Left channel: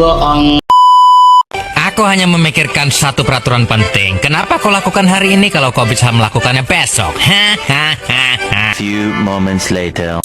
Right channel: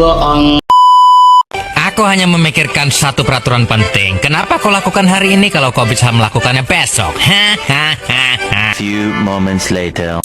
bohong. Aku hanya memikirkan satu peraturan penting. Kenapa kau lakukan hari ini kalau kau bisa melakukannya besok? Hahaha. Few moments later.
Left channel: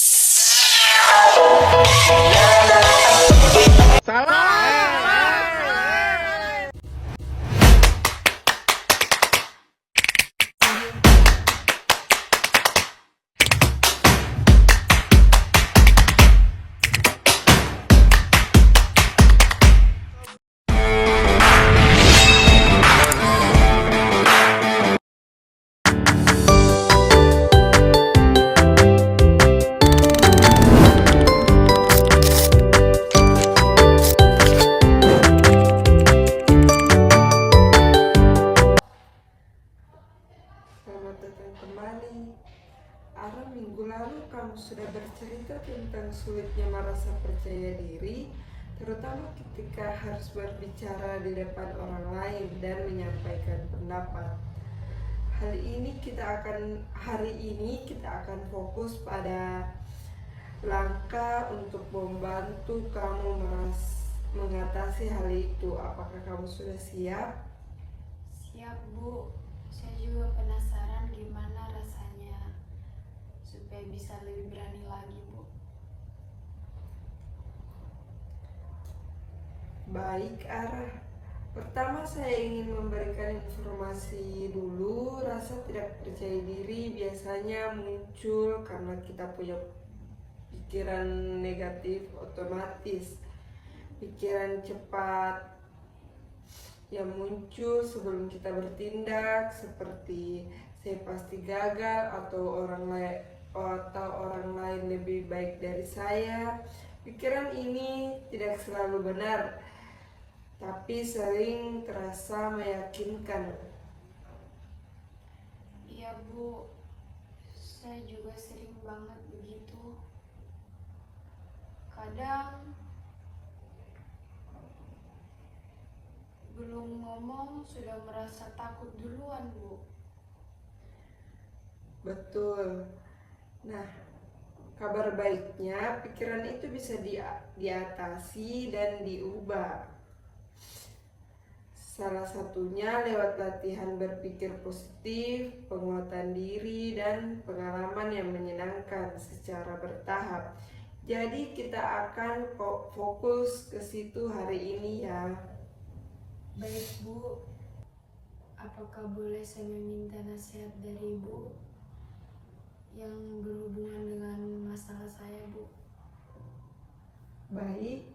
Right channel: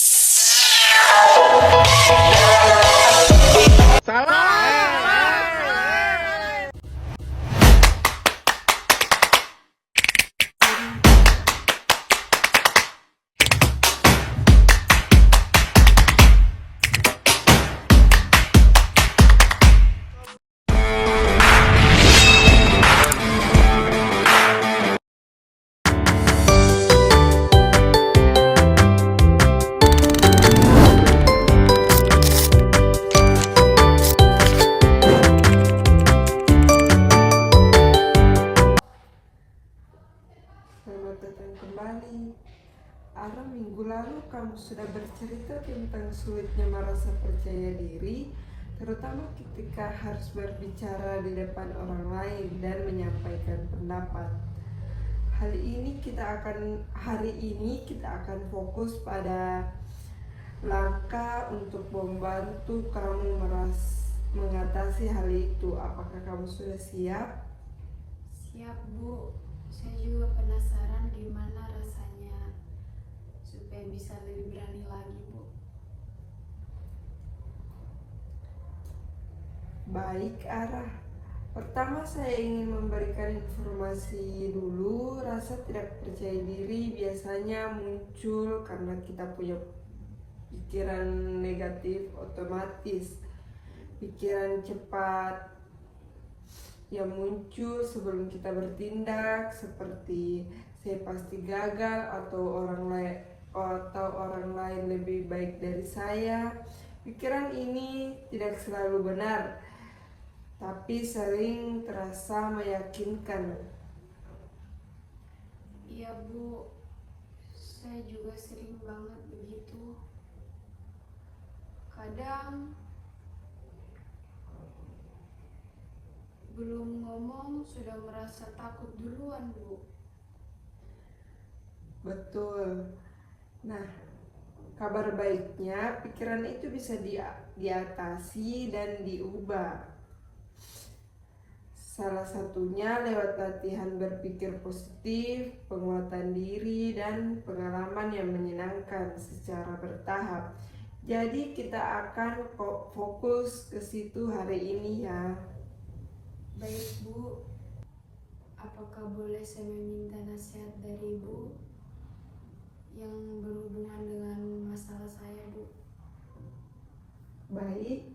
Selamat datang kembali. Ara, minggu lalu kamu sudah bercerita tentang sulitnya merasa percaya diri, terutama ketika harus berbicara di depan orang lain dan menyampaikan pendapat. Hari ini kita akan fokus pada langkah untuk membantu kamu mengatasi hal itu. Apakah kamu sudah siap? Siap, Bu. Saya juga penasaran gimana rasanya supaya bisa lebih berani lagi, Bu. Baik, Ara. Pertama saya ingin memberikan informasi dulu. Rasa tidak percaya diri biasanya muncul karena kita punya pikiran negatif otomatis. Pikiran cepat yang muncul sebelum kita bertindak, seperti saya pasti gagal atau orang lain lebih baik dari saya. Pikiran ini tidak selalu benar, tapi sering terasa meyakinkan. Iya, Bu. Saya juga sering banget begitu. Kadang belum ngomong sudah merasa takut duluan, Bu. Betul. Nah, kabar baiknya pikiran itu bisa diatasi dan diubah. Salah satunya lewat latihan berpikir positif, penguatan diri, dan pengalaman yang menyenangkan secara bertahap. Jadi kita akan fokus ke situ hari ini ya. Baik, Bu. Apakah boleh saya meminta nasihat dari Ibu yang berhubungan dengan masalah saya, Bu? Baik.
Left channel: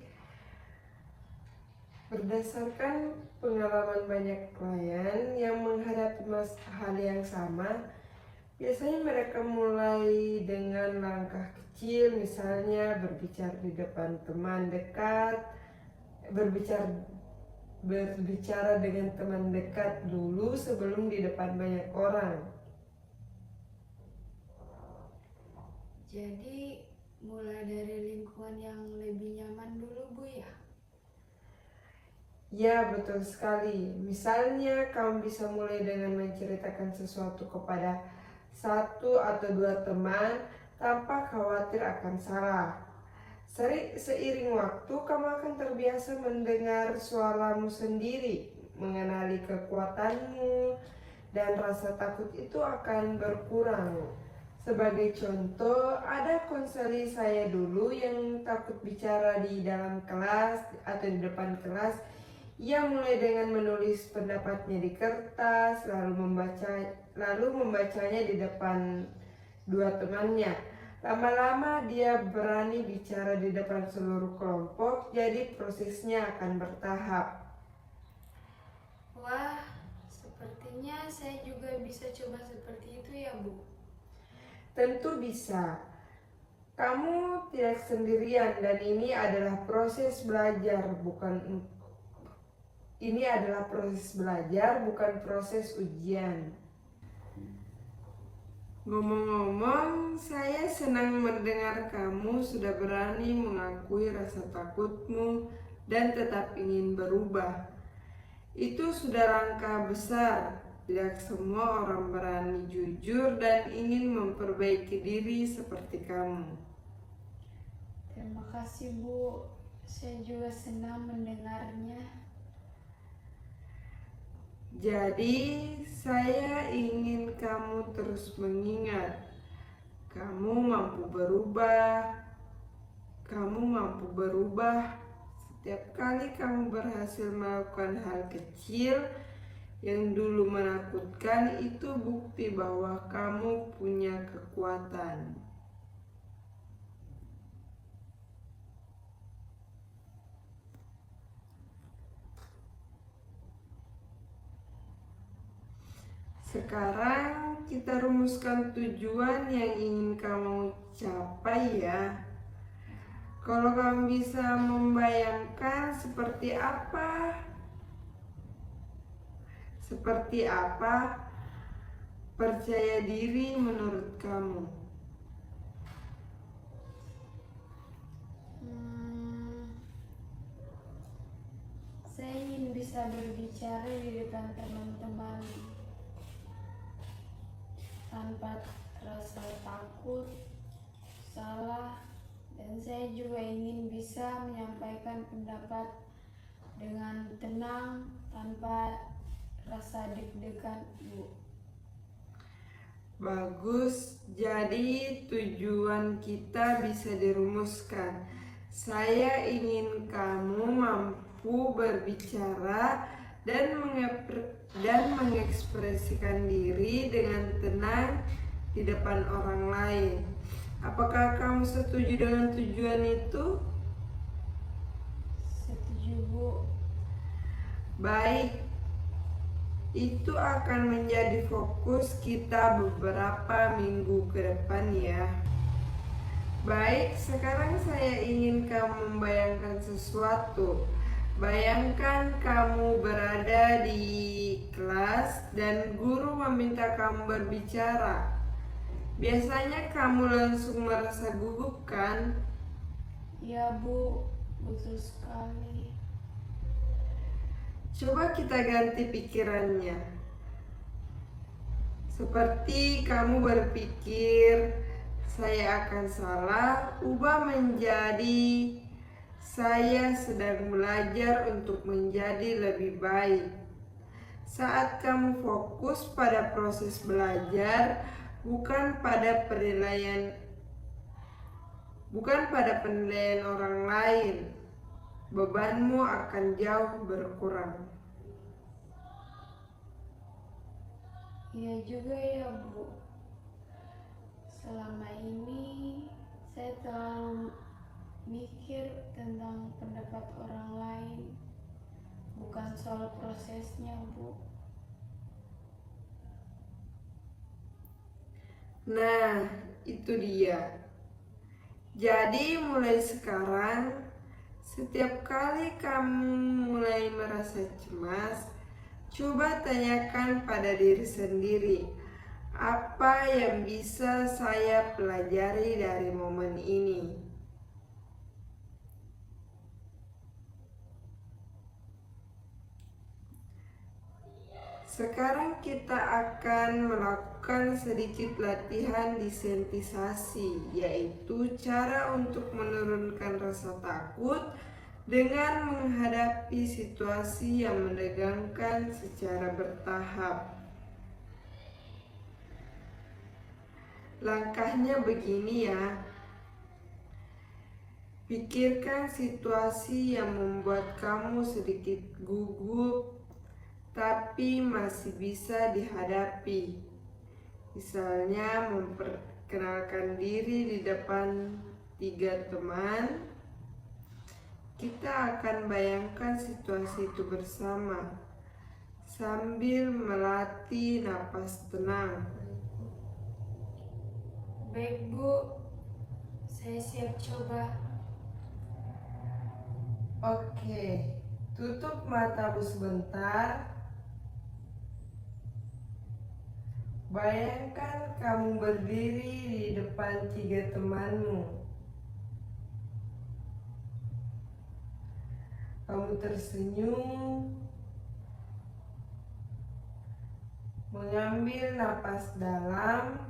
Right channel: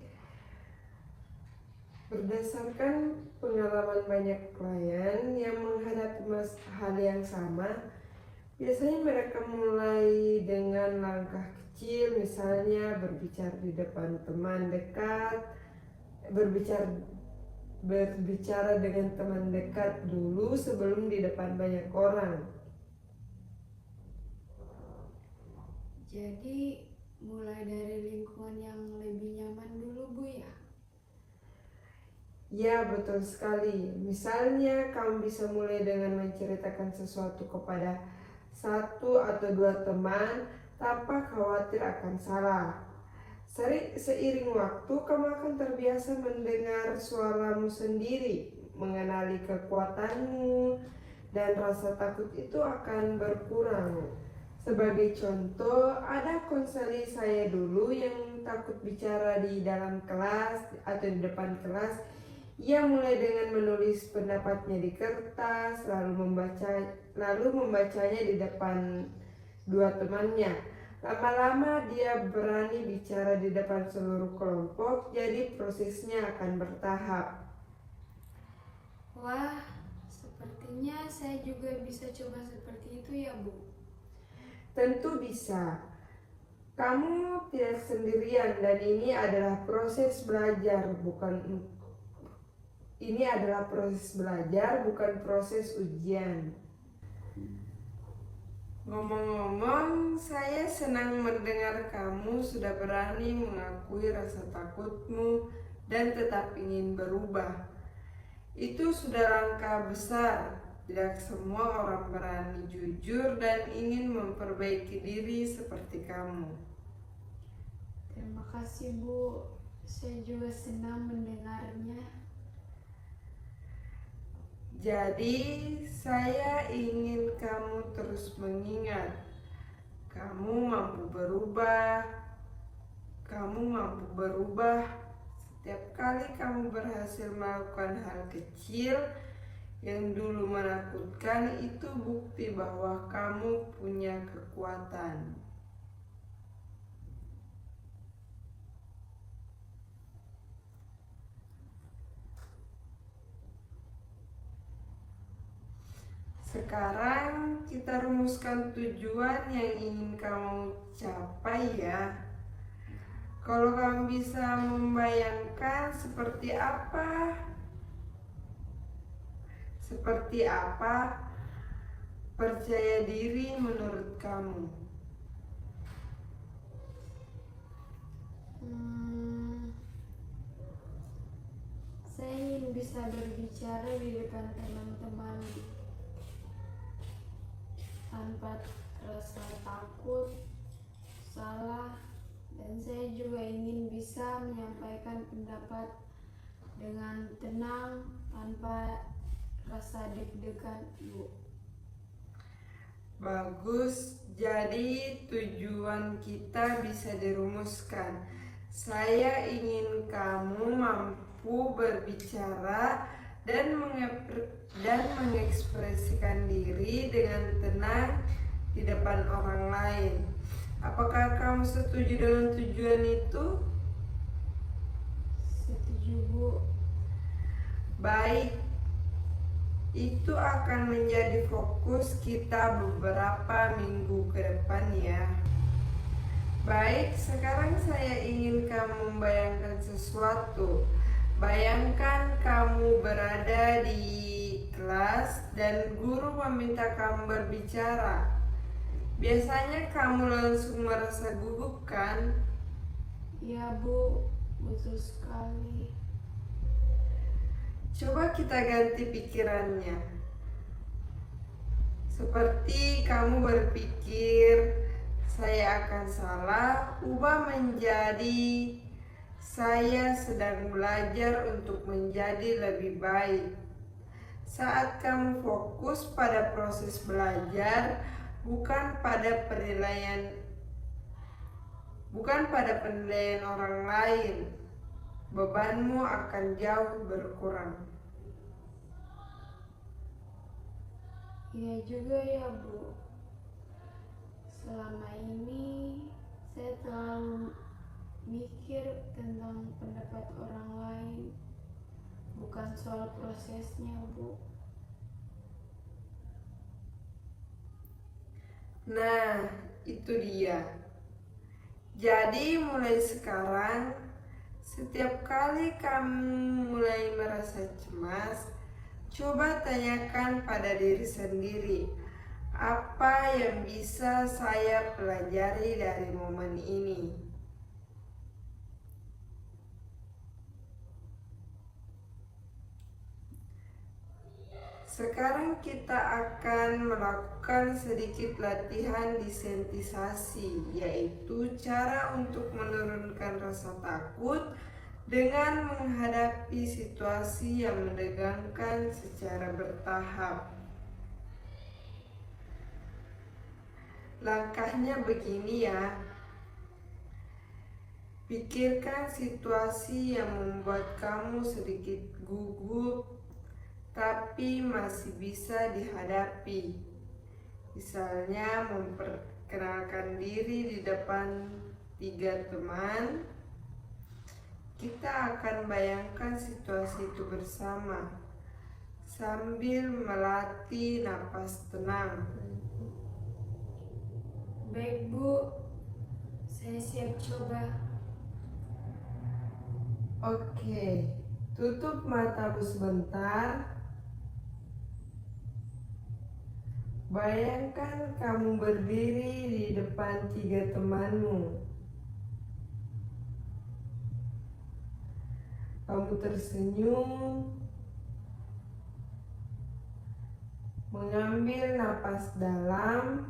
Berdasarkan pengalaman banyak klien yang menghadapi hal yang sama, biasanya mereka mulai dengan langkah kecil, misalnya berbicara di depan teman dekat, berbicara dengan teman dekat dulu sebelum di depan banyak orang. Jadi mulai dari lingkungan yang lebih nyaman dulu, Bu, ya? Ya, betul sekali. Misalnya kamu bisa mulai dengan menceritakan sesuatu kepada satu atau dua teman tanpa khawatir akan salah. Seiring waktu kamu akan terbiasa mendengar suaramu sendiri, mengenali kekuatanmu, dan rasa takut itu akan berkurang. Sebagai contoh, ada konseli saya dulu yang takut bicara di dalam kelas atau di depan kelas. Ia mulai dengan menulis pendapatnya di kertas, lalu membacanya di depan dua temannya. Lama-lama dia berani bicara di depan seluruh kelompok, jadi prosesnya akan bertahap. Wah, sepertinya saya juga bisa coba seperti itu ya, Bu. Tentu bisa. Kamu tidak sendirian dan ini adalah proses belajar, bukan proses ujian. Ngomong-ngomong, saya senang mendengar kamu sudah berani mengakui rasa takutmu dan tetap ingin berubah. Itu sudah langkah besar. Tidak semua orang berani jujur dan ingin memperbaiki diri seperti kamu. Terima kasih, Bu. Saya juga senang mendengarnya. Jadi, saya ingin kamu terus mengingat, kamu mampu berubah. Kamu mampu berubah. Setiap kali kamu berhasil melakukan hal kecil yang dulu menakutkan, itu bukti bahwa kamu punya kekuatan. Sekarang kita rumuskan tujuan yang ingin kamu capai ya. Kalau kamu bisa membayangkan seperti apa percaya diri menurut kamu? Saya ingin bisa berbicara di depan teman-teman tanpa rasa takut, salah, dan saya juga ingin bisa menyampaikan pendapat dengan tenang tanpa rasa deg-degan, Bu. Bagus, jadi tujuan kita bisa dirumuskan. Saya ingin kamu mampu berbicara dan mengekspresikan diri dengan tenang di depan orang lain. Apakah kamu setuju dengan tujuan itu? Setuju, Bu. Baik, itu akan menjadi fokus kita beberapa minggu ke depan ya. Baik, sekarang saya ingin kamu membayangkan sesuatu. Bayangkan kamu berada di kelas dan guru meminta kamu berbicara. Biasanya kamu langsung merasa gugup kan? Ya, Bu, betul sekali. Coba kita ganti pikirannya. Seperti kamu berpikir, saya akan salah, ubah menjadi saya sedang belajar untuk menjadi lebih baik. Saat kamu fokus pada proses belajar, bukan pada penilaian orang lain, bebanmu akan jauh berkurang. Iya juga ya, Bu. Selama ini saya terlalu mikir tentang pendapat orang lain, bukan soal prosesnya, Bu. Nah, itu dia. Jadi mulai sekarang, setiap kali kamu mulai merasa cemas, coba tanyakan pada diri sendiri, apa yang bisa saya pelajari dari momen ini? Sekarang kita akan melakukan sedikit latihan desensitisasi, yaitu cara untuk menurunkan rasa takut dengan menghadapi situasi yang menegangkan secara bertahap. Langkahnya begini ya. Pikirkan situasi yang membuat kamu sedikit gugup, tapi masih bisa dihadapi. Misalnya memperkenalkan diri di depan 3 teman. Kita akan bayangkan situasi itu bersama sambil melatih napas tenang. Baik, Bu. Saya siap coba. Oke, tutup matamu sebentar. Bayangkan kamu berdiri di depan 3 temanmu. Kamu tersenyum, mengambil napas dalam,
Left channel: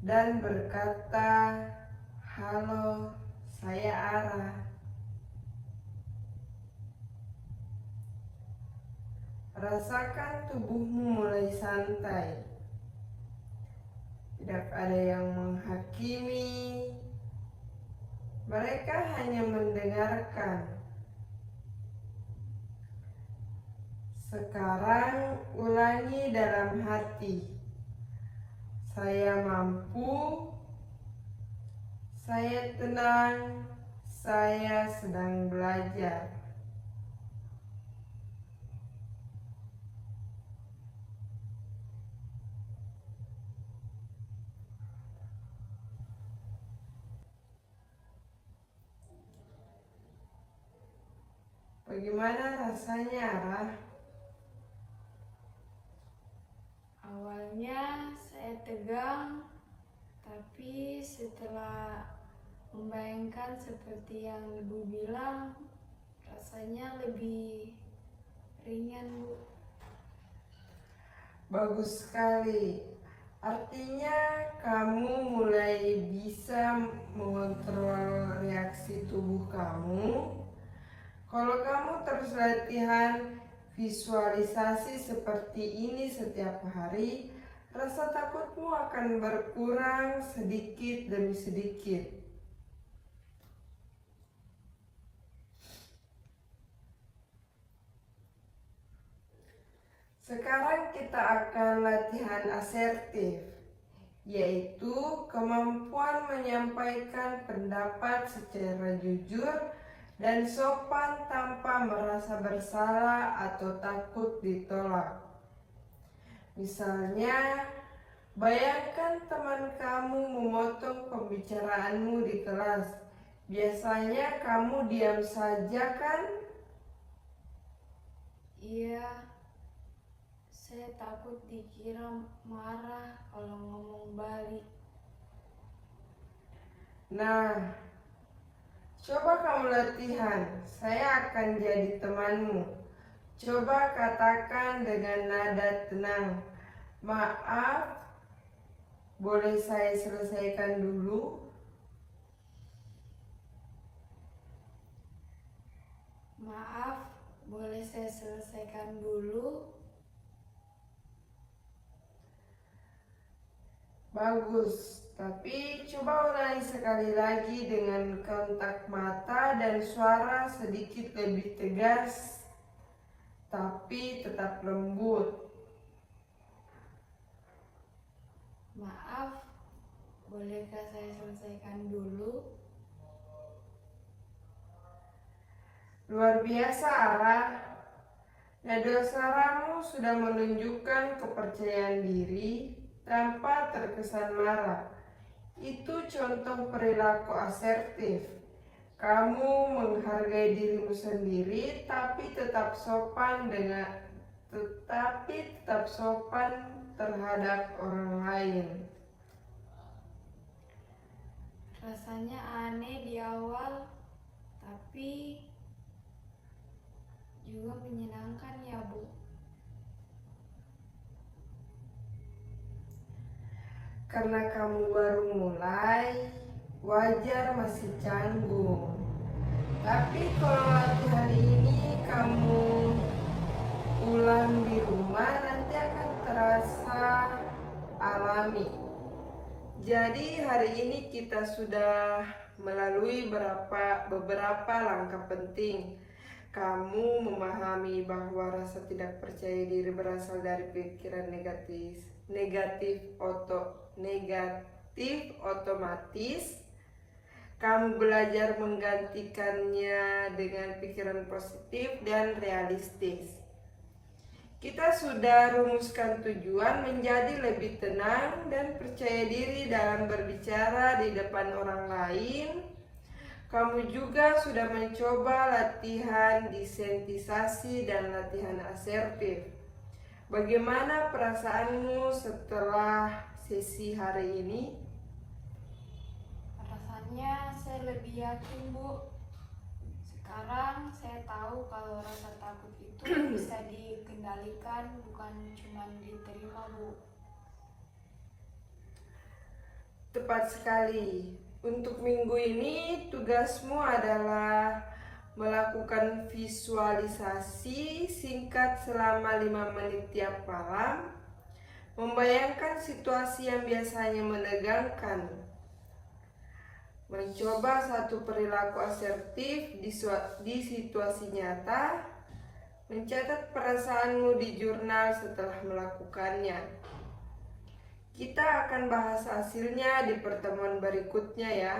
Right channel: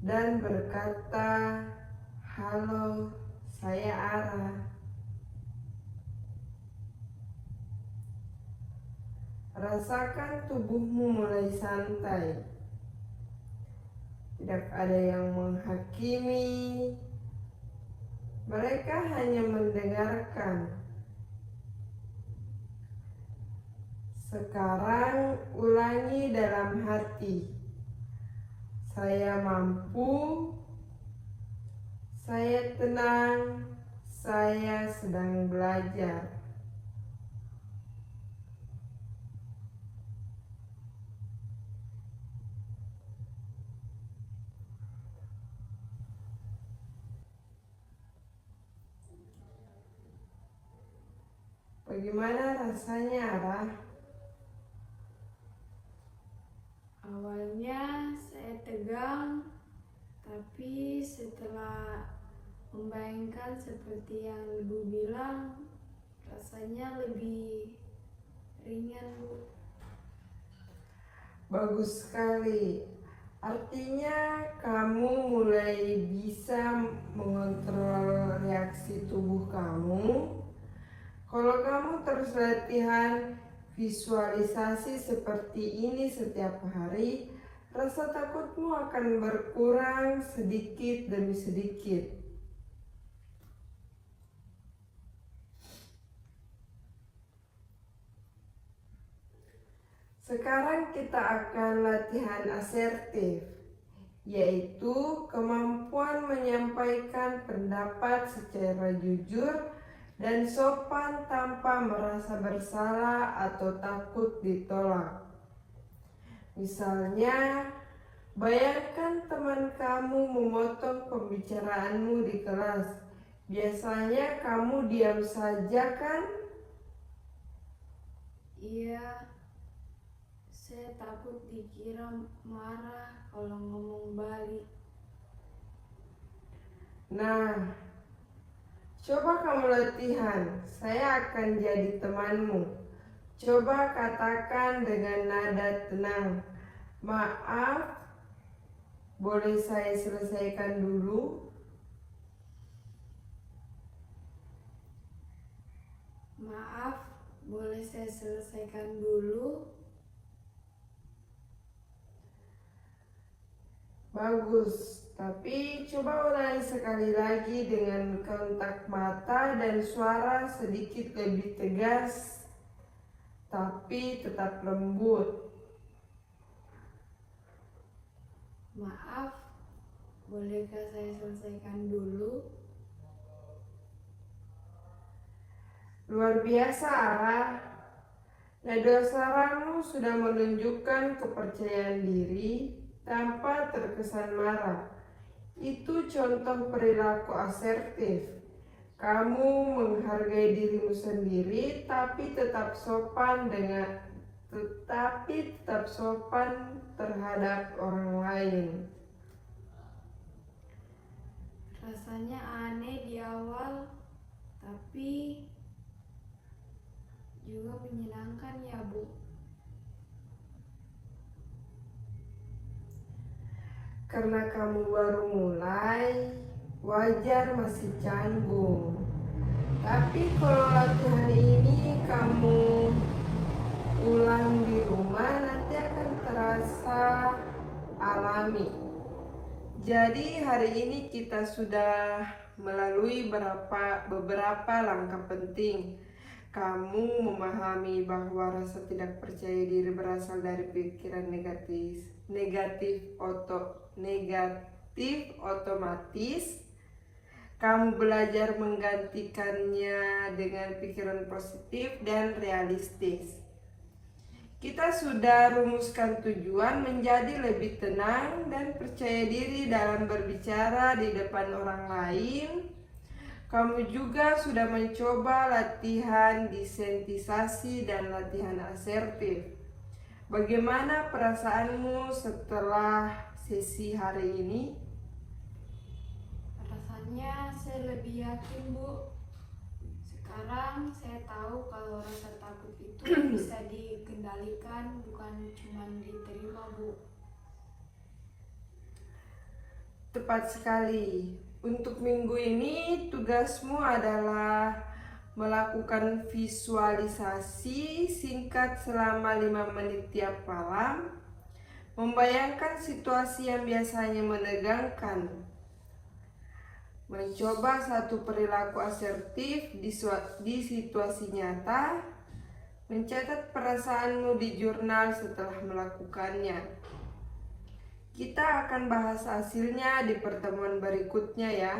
dan berkata, "Halo saya Ara. Rasakan tubuhmu mulai santai. Tidak ada yang menghakimi. Mereka hanya mendengarkan. Sekarang ulangi dalam hati. Saya mampu. Saya tenang. Saya sedang belajar. Bagaimana rasanya, Ara? Awalnya saya tegang, tapi setelah membayangkan seperti yang Ibu bilang, rasanya lebih ringan, Bu. Bagus sekali. Artinya kamu mulai bisa mengontrol reaksi tubuh kamu. Kalau kamu terus latihan visualisasi seperti ini setiap hari, rasa takutmu akan berkurang sedikit demi sedikit. Sekarang kita akan latihan asertif, yaitu kemampuan menyampaikan pendapat secara jujur dan sopan tanpa merasa bersalah atau takut ditolak. Misalnya, bayangkan teman kamu memotong pembicaraanmu di kelas. Biasanya kamu diam saja, kan? Iya, saya takut dikira marah kalau ngomong balik. Nah, coba kamu latihan. Saya akan jadi temanmu. Coba katakan dengan nada tenang. Maaf, boleh saya selesaikan dulu? Maaf, boleh saya selesaikan dulu? Bagus, tapi coba ulangi sekali lagi dengan kontak mata dan suara sedikit lebih tegas, tapi tetap lembut. Maaf, bolehkah saya selesaikan dulu? Luar biasa, Ara. Nada suaramu sudah menunjukkan kepercayaan diri tanpa terkesan marah. Itu contoh perilaku asertif. Kamu menghargai dirimu sendiri, tapi tetap sopan terhadap orang lain. Rasanya aneh di awal, tapi juga menyenangkan ya, Bu. Karena kamu baru mulai, wajar masih canggung. Tapi kalau latihan ini kamu ulang di rumah, nanti akan terasa alami. Jadi hari ini kita sudah melalui beberapa langkah penting. Kamu memahami bahwa rasa tidak percaya diri berasal dari pikiran negatif otomatis. Kamu belajar menggantikannya dengan pikiran positif dan realistis. Kita sudah rumuskan tujuan menjadi lebih tenang dan percaya diri dalam berbicara di depan orang lain. Kamu juga sudah mencoba latihan desensitisasi dan latihan asertif. Bagaimana perasaanmu setelah sesi hari ini? Rasanya saya lebih yakin, Bu. Sekarang saya tahu kalau rasa takut itu bisa dikendalikan, bukan cuma diterima, Bu. Tepat sekali. Untuk minggu ini tugasmu adalah melakukan visualisasi singkat selama 5 menit tiap malam, membayangkan situasi yang biasanya menegangkan, mencoba satu perilaku asertif di situasi nyata, mencatat perasaanmu di jurnal setelah melakukannya. Kita akan bahas hasilnya di pertemuan berikutnya ya.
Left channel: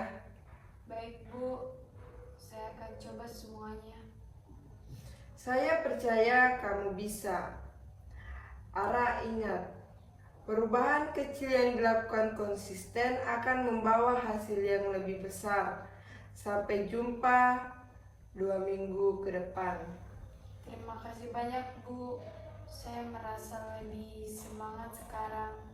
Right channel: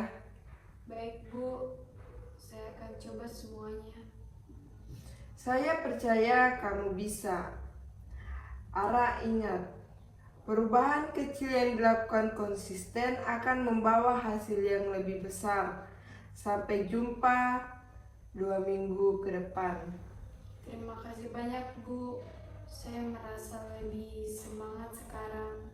Baik Bu, saya akan coba semuanya. Saya percaya kamu bisa. Ara, ingat, perubahan kecil yang dilakukan konsisten akan membawa hasil yang lebih besar. Sampai jumpa 2 minggu ke depan. Terima kasih banyak Bu, saya merasa lebih semangat sekarang.